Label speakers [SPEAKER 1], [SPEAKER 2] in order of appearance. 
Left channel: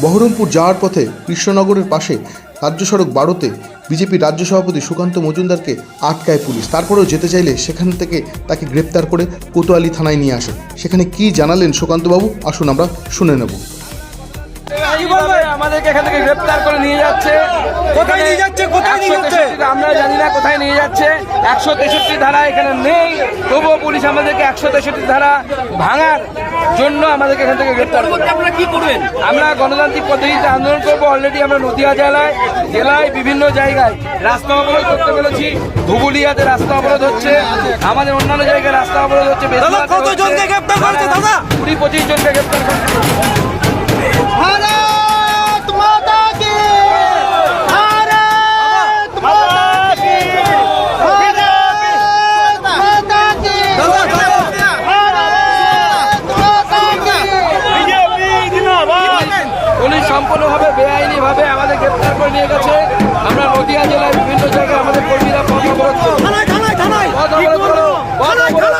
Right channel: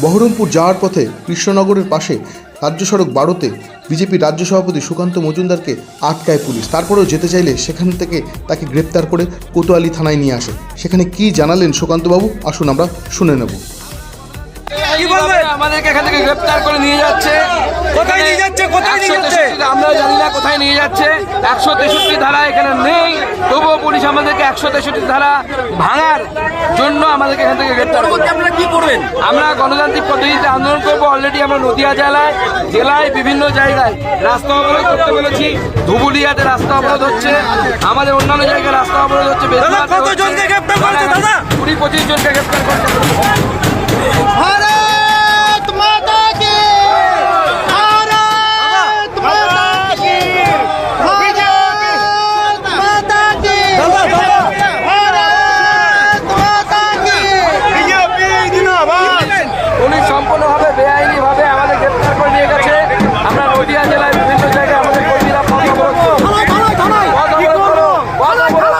[SPEAKER 1] বহরমপুর যাওয়ার পথে কৃষ্ণনগরের পাশে রাজ্য সড়ক বারোতে বিজেপি রাজ্য সভাপতি সুকান্ত মজুমদারকে আটকায় পুলিশ। তারপরেও যেতে চাইলে সেখান থেকে তাকে গ্রেপ্তার করে কোতোয়ালি থানায় নিয়ে আসে। সেখানে কি জানালেন সুকান্তবাবু? আসুন আমরা শুনে নেব।
[SPEAKER 2] আমাদেরকে এখান থেকে গ্রেপ্তার করে নিয়ে যাচ্ছে।
[SPEAKER 3] কোথায় নিয়ে যাচ্ছে? কোথায় নিয়ে যাচ্ছে?
[SPEAKER 2] আমরা জানি না কোথায় নিয়ে যাচ্ছে। একশো তেষট্টি ধারা এখানে নেই। পুলিশ আমাদেরকে একশো তেষট্টি ধারা ভাঙার জন্য আমাদেরকে এখান থেকে গ্রেপ্তার করবে
[SPEAKER 3] করবেন?
[SPEAKER 2] আমরা গণতান্ত্রিক পদ্ধতিতে আন্দোলন করব। অলরেডি আমরা নদীয়া জেলায় জেলায় বিভিন্ন জায়গায় রাস্তা অবরোধ করতে বলেছি ধুবুলিয়াতে রাস্তা অবরোধ হচ্ছে। আমাদের অন্যান্য জায়গায় রাস্তা অবরোধ হচ্ছে? কুড়ি পঁচিশ জনকে গ্রেপ্তার করেছে। সম্পূর্ণভাবে বেআইনিভাবে আমাদের গ্রেপ্তার করে নিয়ে গেছে। আমরা নদিয়া জেলায় বিভিন্ন জায়গায় আমাদের কর্মীরা পথ অবরোধ করছি। অবরোধ করো অবরোধ করো